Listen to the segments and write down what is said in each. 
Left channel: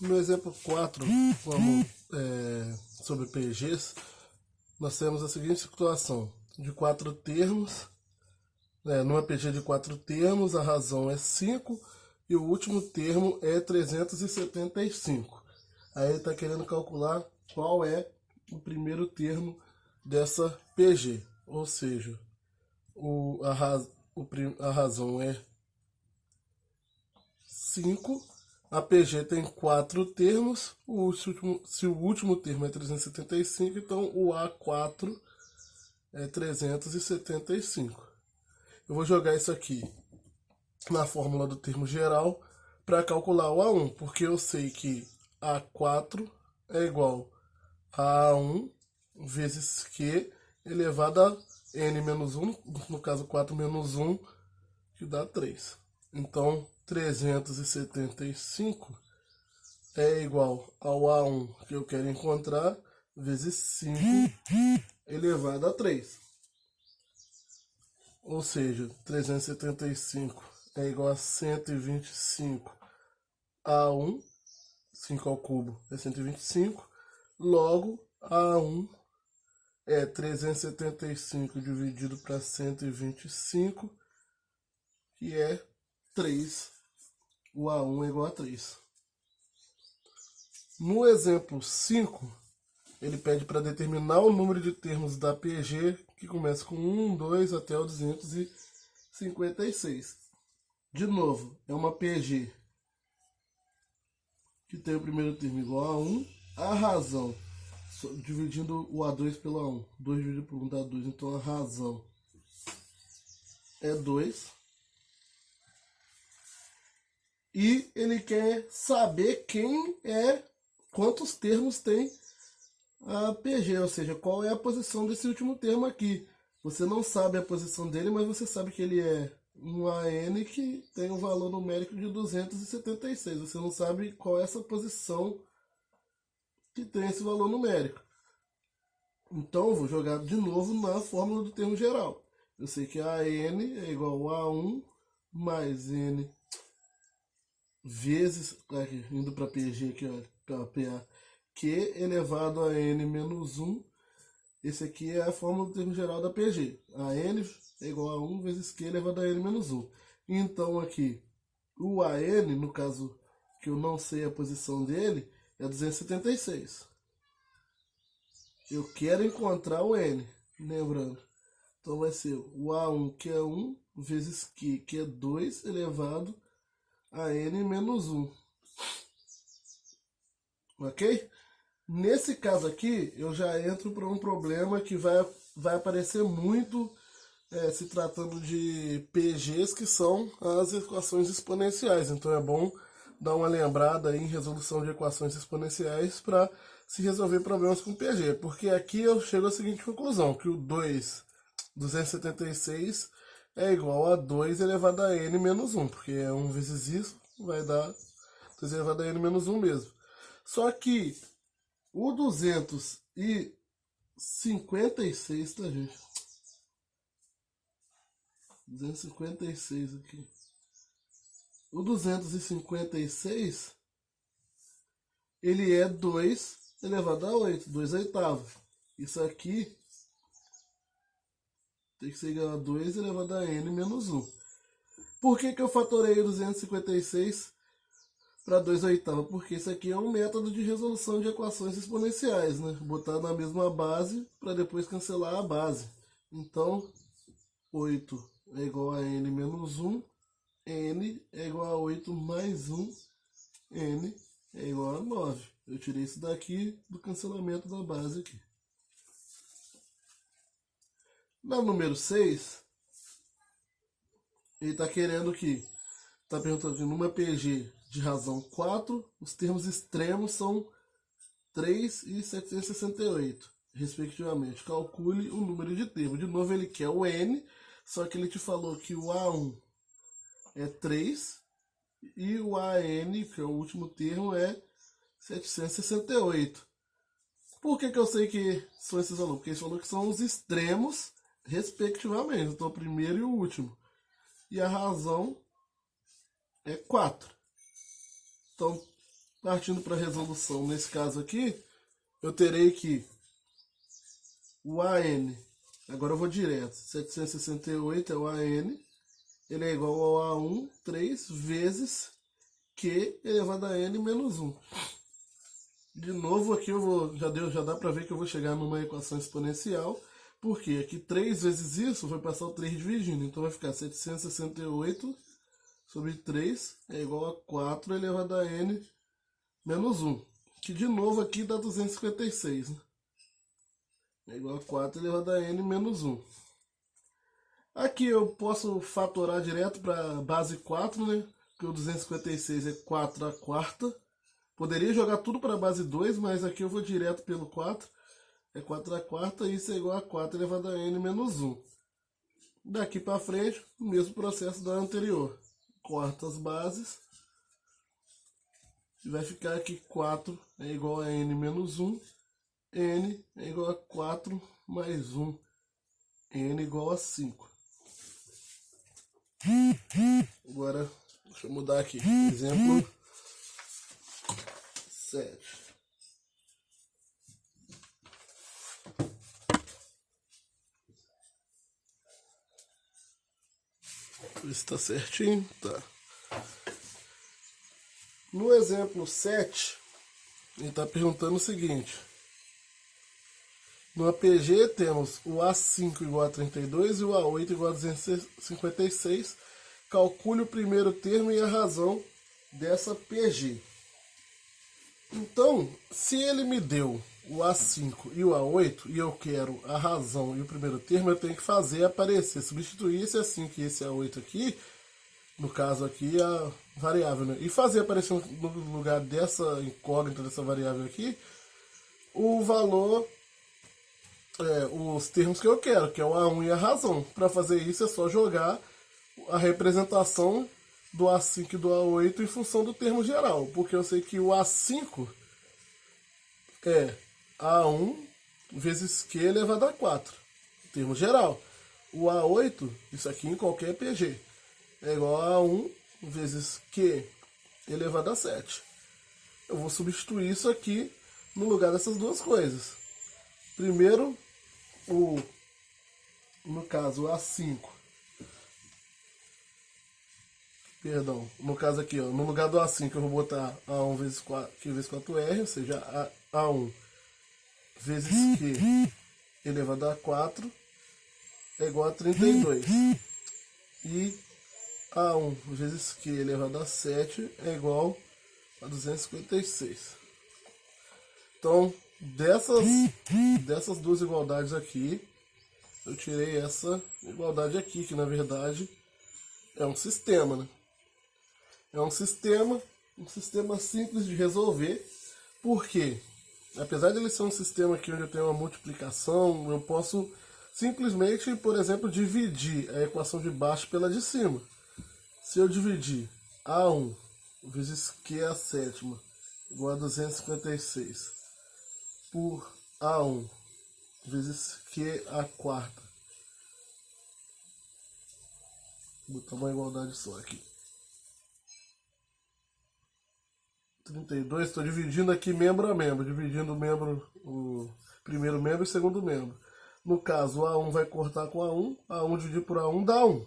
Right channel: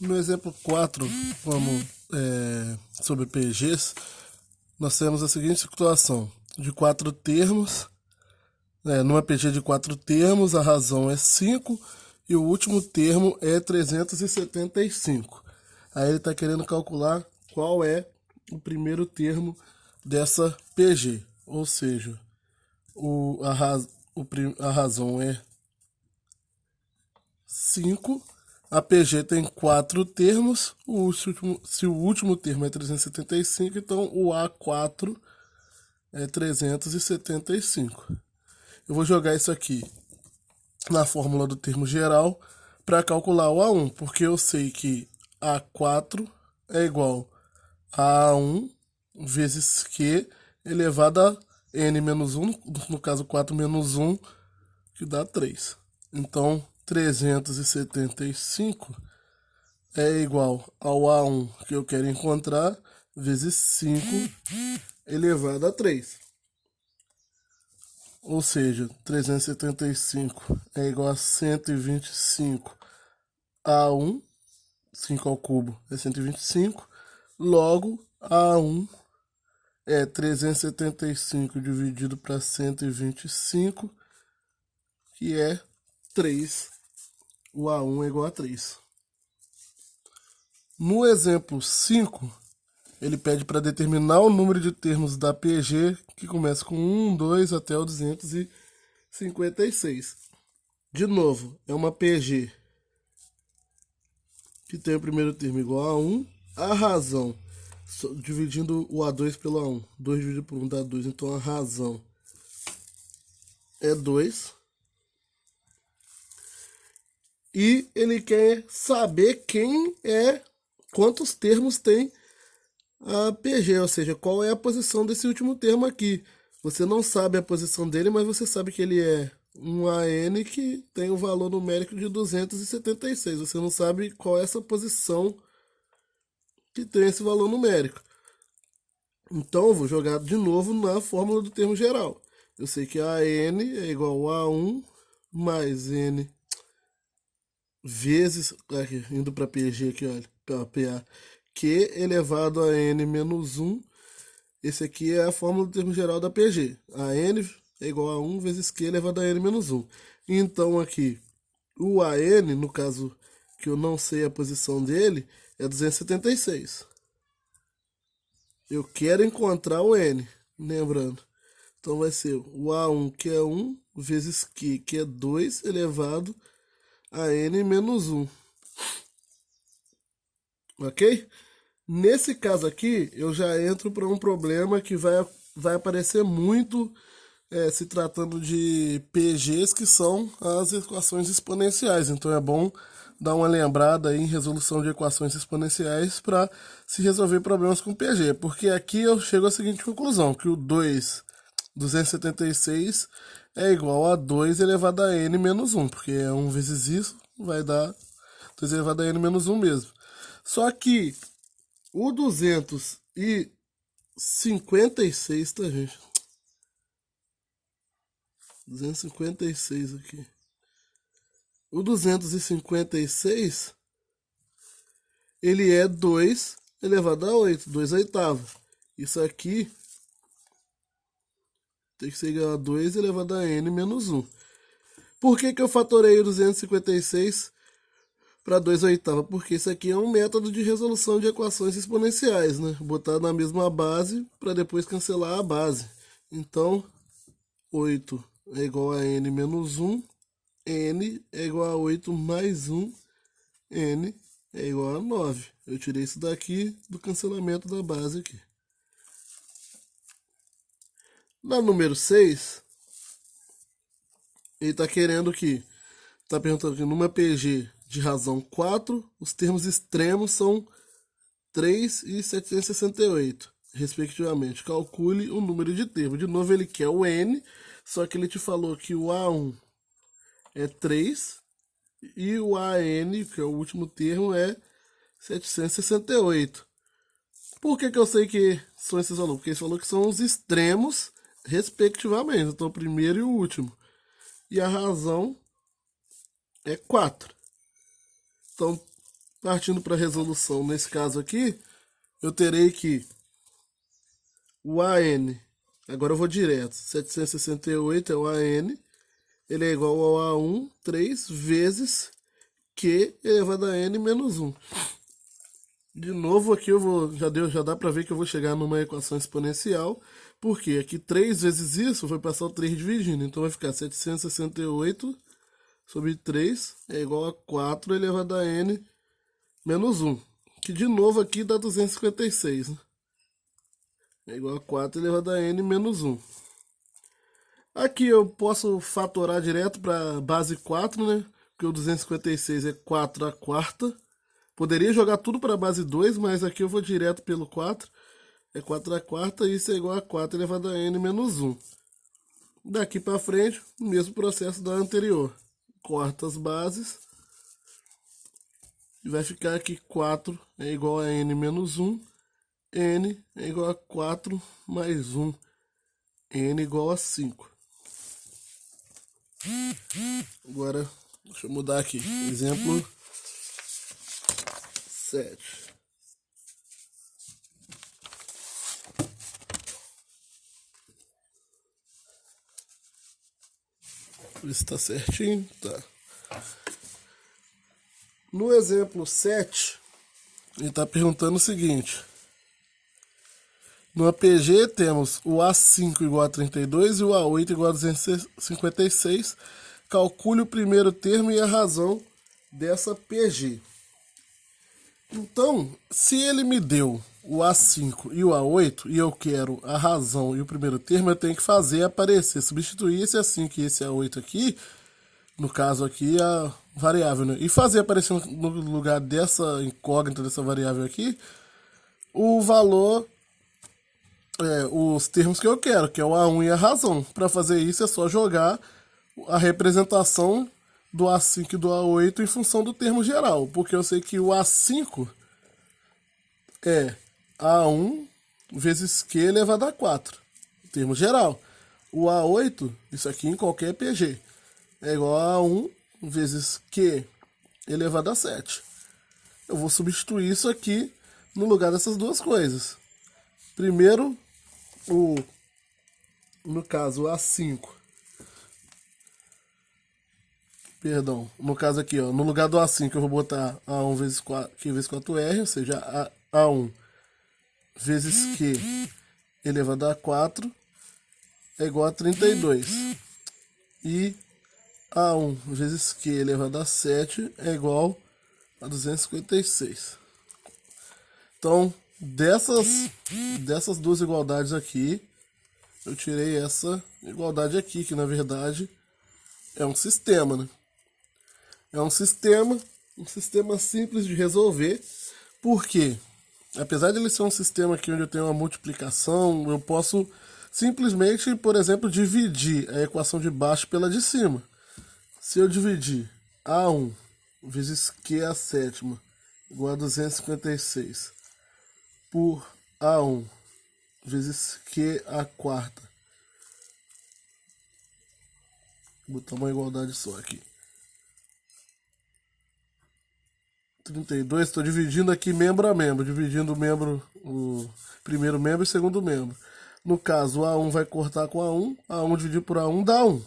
No exemplo 4, sobre PGs, nós temos a seguinte situação: de 4 termos, numa PG de 4 termos, a razão é 5 e o último termo é 375. Aí ele está querendo calcular qual é o primeiro termo dessa PG, ou seja, a razão é 5. A PG tem 4 termos. Se o último termo é 375, então o A4 é 375. Eu vou jogar isso aqui na fórmula do termo geral para calcular o A1, porque eu sei que A4 é igual a A1 vezes Q elevado a N menos 1, no caso 4 menos 1, que dá 3. Então, 375 é igual ao A1 que eu quero encontrar, vezes 5 elevado a 3. Ou seja, 375 é igual a 125 A1, 5 ao cubo é 125, logo A1 é 375 dividido para 125, que é 3. O A1 é igual a 3. No exemplo 5, ele pede para determinar o número de termos da PG, que começa com 1, 2 até o 256. De novo, é uma PG que tem o primeiro termo igual a 1. A razão, dividindo o A2 pelo A1. 2 dividido por 1 dá 2. Então a razão é 2. E ele quer saber quantos termos tem a PG, ou seja, qual é a posição desse último termo aqui. Você não sabe a posição dele, mas você sabe que ele é um AN que tem o valor numérico de 276. Você não sabe qual é essa posição que tem esse valor numérico. Então eu vou jogar de novo na fórmula do termo geral. Eu sei que AN é igual a 1 mais N vezes, aqui, indo para PG aqui, olha, para PA, Q elevado a N menos 1. Esse aqui é a fórmula do termo geral da PG. A N é igual a 1 vezes Q elevado a N menos 1. Então aqui, o AN, no caso que eu não sei a posição dele, é 276. Eu quero encontrar o N, lembrando. Então vai ser o A1, que é 1, vezes Q, que é 2, elevado a N menos 1. Ok? Nesse caso aqui, eu já entro para um problema que vai aparecer muito se tratando de PGs, que são as equações exponenciais. Então é bom dar uma lembrada em resolução de equações exponenciais para se resolver problemas com PG. Porque aqui eu chego à seguinte conclusão, que o 276 é igual a 2 elevado a n menos 1, porque é 1 vezes isso, vai dar 2 elevado a n menos 1 mesmo. Só que o 256, tá, gente? 256 aqui. O 256, ele é 2 elevado a 8, 2 oitavos. Isso aqui tem que ser igual a 2 elevado a n menos 1. Por que eu fatorei o 256 para 2 oitavos? Porque isso aqui é um método de resolução de equações exponenciais, né? Botar na mesma base para depois cancelar a base. Então, 8 é igual a n menos 1. N é igual a 8 mais 1. N é igual a 9. Eu tirei isso daqui do cancelamento da base aqui. Na número 6, ele está querendo que, está perguntando que numa PG de razão 4, os termos extremos são 3 e 768, respectivamente. Calcule o número de termos. De novo, ele quer o N, só que ele te falou que o A1 é 3 e o AN, que é o último termo, é 768. Por que eu sei que são esses valores? Porque ele falou que são os extremos, respectivamente. Então, o primeiro e o último. E a razão é 4. Então, Partindo para a resolução, nesse caso aqui, eu terei que o AN, agora eu vou direto, 768 é o AN, ele é igual ao A1, 3 vezes Q elevado a N menos 1. De novo aqui já dá para ver que eu vou chegar numa equação exponencial, porque aqui 3 vezes isso vai passar o 3 dividindo, então vai ficar 768 sobre 3 é igual a 4 elevado a N menos 1, que de novo aqui dá 256, né? É igual a 4 elevado a N menos 1. Aqui eu posso fatorar direto para base 4, né? Porque o 256 é 4 a quarta. Poderia jogar tudo para base 2, mas aqui eu vou direto pelo 4. É 4 a quarta e isso é igual a 4 elevado a N menos 1. Daqui para frente, o mesmo processo da anterior. Corta as bases. E vai ficar aqui 4 é igual a N menos 1. N é igual a 4 mais 1. N igual a 5. Agora, deixa eu mudar aqui. Exemplo 7. Isso está certinho? Tá. No exemplo 7, ele está perguntando o seguinte. No APG temos o A5 igual a 32 e o A8 igual a 256. Calcule o primeiro termo e a razão dessa PG. Então, se ele me deu o A5 e o A8 e eu quero a razão e o primeiro termo, eu tenho que fazer aparecer, substituir esse A5 e esse A8 aqui, no caso aqui a variável, né? E fazer aparecer no lugar dessa incógnita, dessa variável aqui, o valor, os termos que eu quero, que é o A1 e a razão. Para fazer isso é só jogar a representação do A5 e do A8 em função do termo geral, porque eu sei que o A5 é A1 vezes Q elevado a 4, termo geral. O A8, isso aqui em qualquer PG, é igual a A1 vezes Q elevado a 7. Eu vou substituir isso aqui no lugar dessas duas coisas. Primeiro, no caso, o A5. Perdão, no caso aqui, ó, no lugar do A5 eu vou botar A1 vezes 4, Q vezes 4R, ou seja, A1 vezes Q elevado a 4 é igual a 32. E A1 vezes Q elevado a 7 é igual a 256. Então, dessas duas igualdades aqui, eu tirei essa igualdade aqui, que na verdade é um sistema, né? É um sistema simples de resolver, porque apesar de ele ser um sistema aqui onde eu tenho uma multiplicação, eu posso simplesmente, por exemplo, dividir a equação de baixo pela de cima. Se eu dividir A1 vezes Q a sétima igual a 256 por A1 vezes Q a quarta, vou botar uma igualdade só aqui. 32, estou dividindo aqui membro a membro, dividindo o primeiro membro e o segundo membro. No caso, o A1 vai cortar com A1, A1 dividido por A1 dá 1.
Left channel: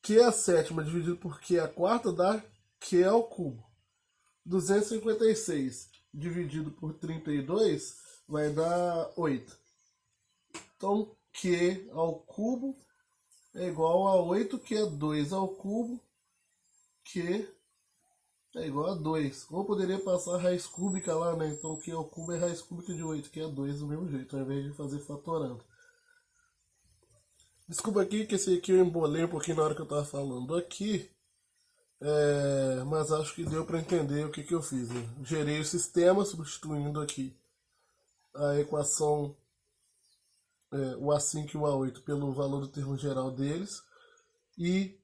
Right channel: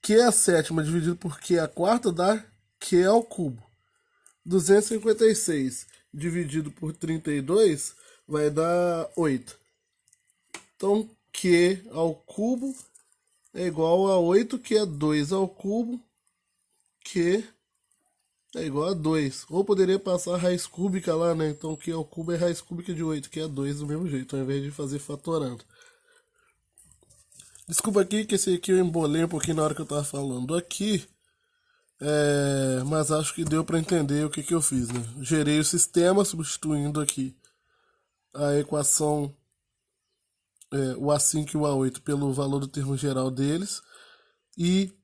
Q a sétima dividido por Q a quarta dá Q ao cubo. 256 dividido por 32 vai dar 8. Então, Q ao cubo é igual a 8, que é 2 ao cubo, Q é igual a 2. Ou poderia passar a raiz cúbica lá, né? Então Q ao cubo é raiz cúbica de 8, que é 2 do mesmo jeito, ao invés de fazer fatorando. Desculpa aqui que esse aqui eu embolei um pouquinho na hora que eu tava falando aqui. Mas acho que deu para entender o que eu fiz, né? Gerei o sistema substituindo aqui a equação, o A5 e o A8 pelo valor do termo geral deles e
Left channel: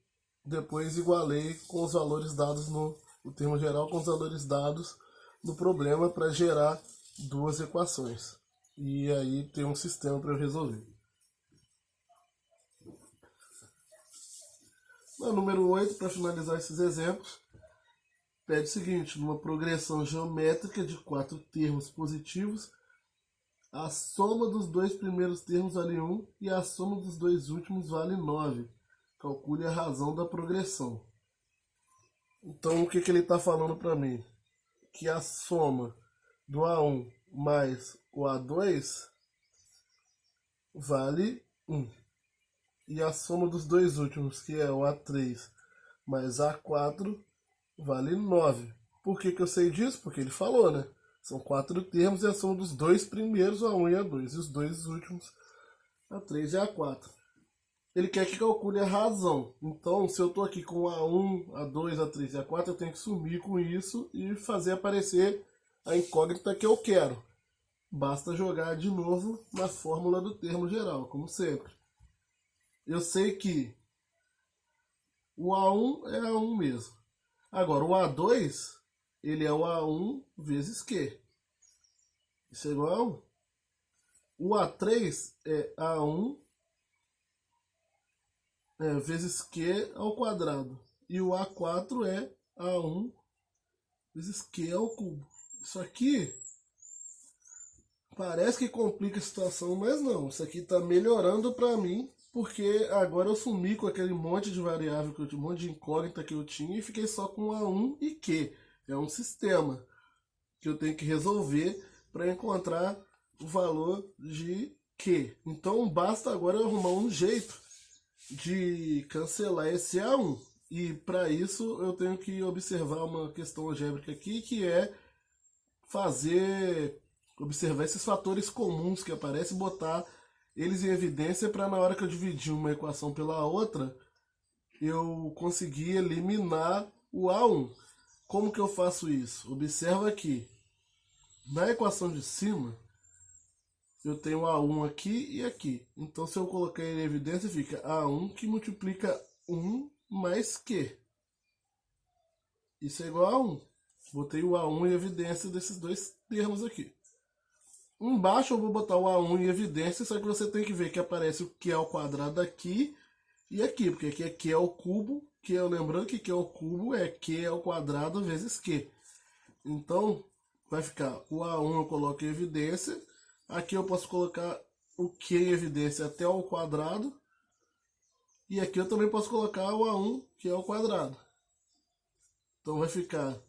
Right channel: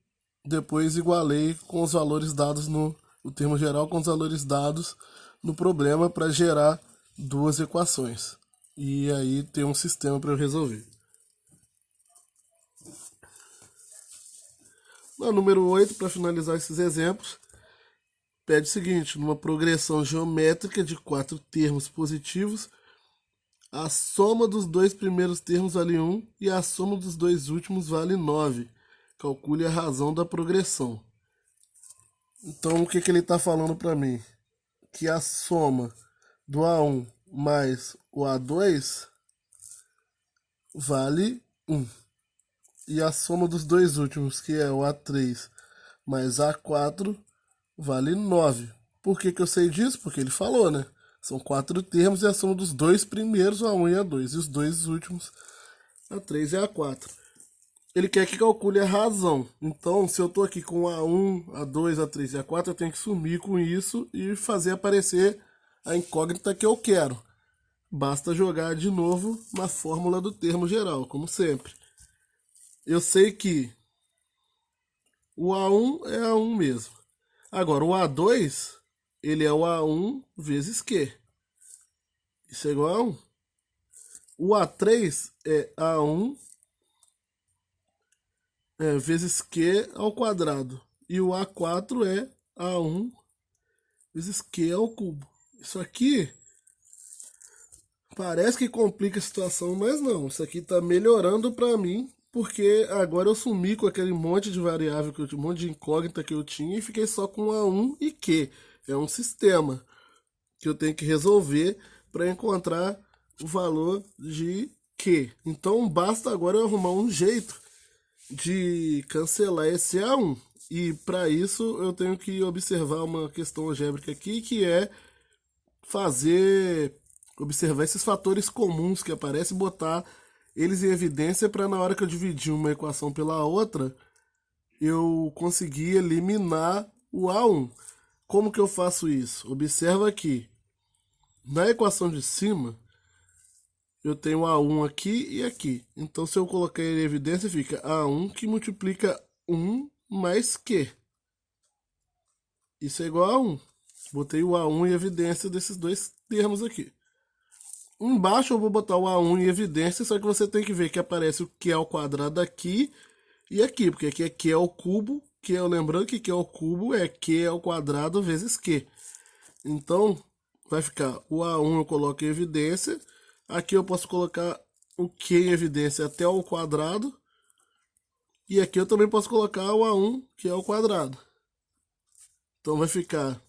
depois igualei com os valores dados o termo geral com os valores dados no problema para gerar duas equações. E aí tem um sistema para eu resolver. No número 8, para finalizar esses exemplos, pede o seguinte: numa progressão geométrica de 4 termos positivos, a soma dos dois primeiros termos vale 1 e a soma dos dois últimos vale 9. Calcule a razão da progressão. Então, o que ele está falando para mim? Que a soma do A1 mais o A2 vale 1. E a soma dos dois últimos, que é o A3 mais A4, vale 9. Por que eu sei disso? Porque ele falou, né? São 4 termos e a soma dos dois primeiros, A1 e A2. E os dois últimos, A3 e A4. Ele quer que calcule a razão. Então, se eu estou aqui com A1, A2, A3 e A4, eu tenho que sumir com isso e fazer aparecer a incógnita que eu quero. Basta jogar de novo na fórmula do termo geral, como sempre. Eu sei que o A1 é A1 mesmo. Agora, o A2, ele é o A1 vezes Q. Isso é igual a 1. O A3 é A1 vezes Q ao quadrado. E o A4 é A1 vezes Q ao cubo. Isso aqui parece que complica a situação, mas não. Isso aqui está melhorando para mim, porque agora eu sumi com aquele monte de variável, um monte de incógnita que eu tinha e fiquei só com A1 e Q. É um sistema que eu tenho que resolver para encontrar o valor de Q. Então basta agora eu arrumar um jeito de cancelar esse A1. E para isso eu tenho que observar uma questão algébrica aqui, que é observar esses fatores comuns que aparecem e botar eles em evidência para na hora que eu dividir uma equação pela outra, eu conseguir eliminar o A1. Como que eu faço isso? Observa aqui. Na equação de cima, eu tenho A1 aqui e aqui. Então, se eu colocar ele em evidência, fica A1 que multiplica 1 mais Q. Isso é igual a 1. Botei o A1 em evidência desses dois termos aqui. Embaixo eu vou botar o A1 em evidência, só que você tem que ver que aparece o Q ao quadrado aqui e aqui, porque aqui é Q ao cubo, lembrando que Q ao cubo é Q ao quadrado vezes Q. Então, vai ficar o A1 eu coloco em evidência, aqui eu posso colocar o Q em evidência até ao quadrado, e aqui eu também posso colocar o A1, que é ao quadrado. Então vai ficar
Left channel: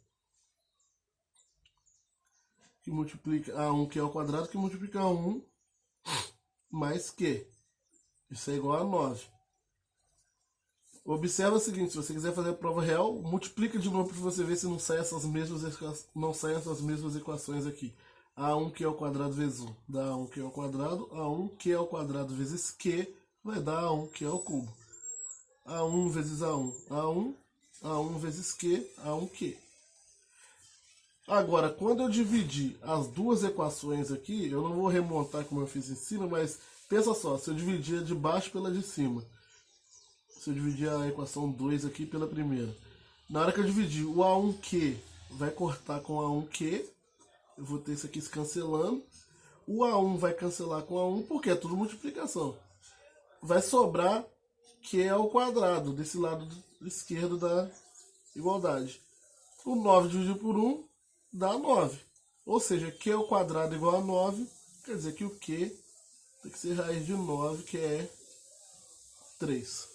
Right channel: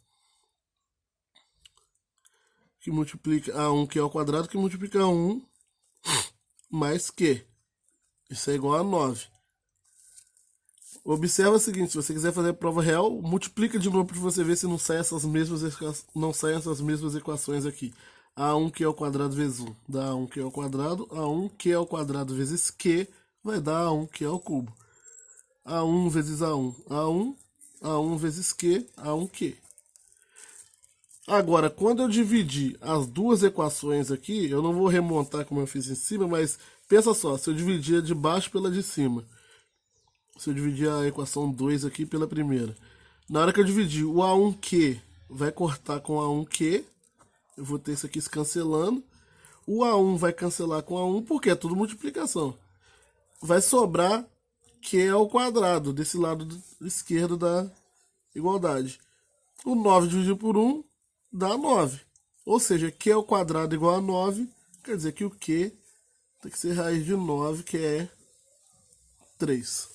que multiplica A1 que é ao quadrado, que multiplica 1 mais Q. Isso é igual a 9. Observa o seguinte, se você quiser fazer a prova real, multiplica de novo para você ver se não saem essas mesmas equações aqui. A1 que é ao quadrado vezes 1 dá A1 que é ao quadrado, A1 que é ao quadrado vezes Q vai dar A1 que é ao cubo. A1 vezes A1, A1, A1 vezes Q, A1Q. Agora, quando eu dividir as duas equações aqui, eu não vou remontar como eu fiz em cima, mas pensa só, se eu dividir a de baixo pela de cima, se eu dividir a equação 2 aqui pela primeira, na hora que eu dividir o A1Q vai cortar com A1Q, eu vou ter isso aqui se cancelando, o A1 vai cancelar com A1 porque é tudo multiplicação. Vai sobrar Q ao quadrado, desse lado esquerdo da igualdade. O 9 dividido por 1 dá 9. Ou seja, Q ao quadrado igual a 9, quer dizer que o Q tem que ser raiz de 9, que é 3.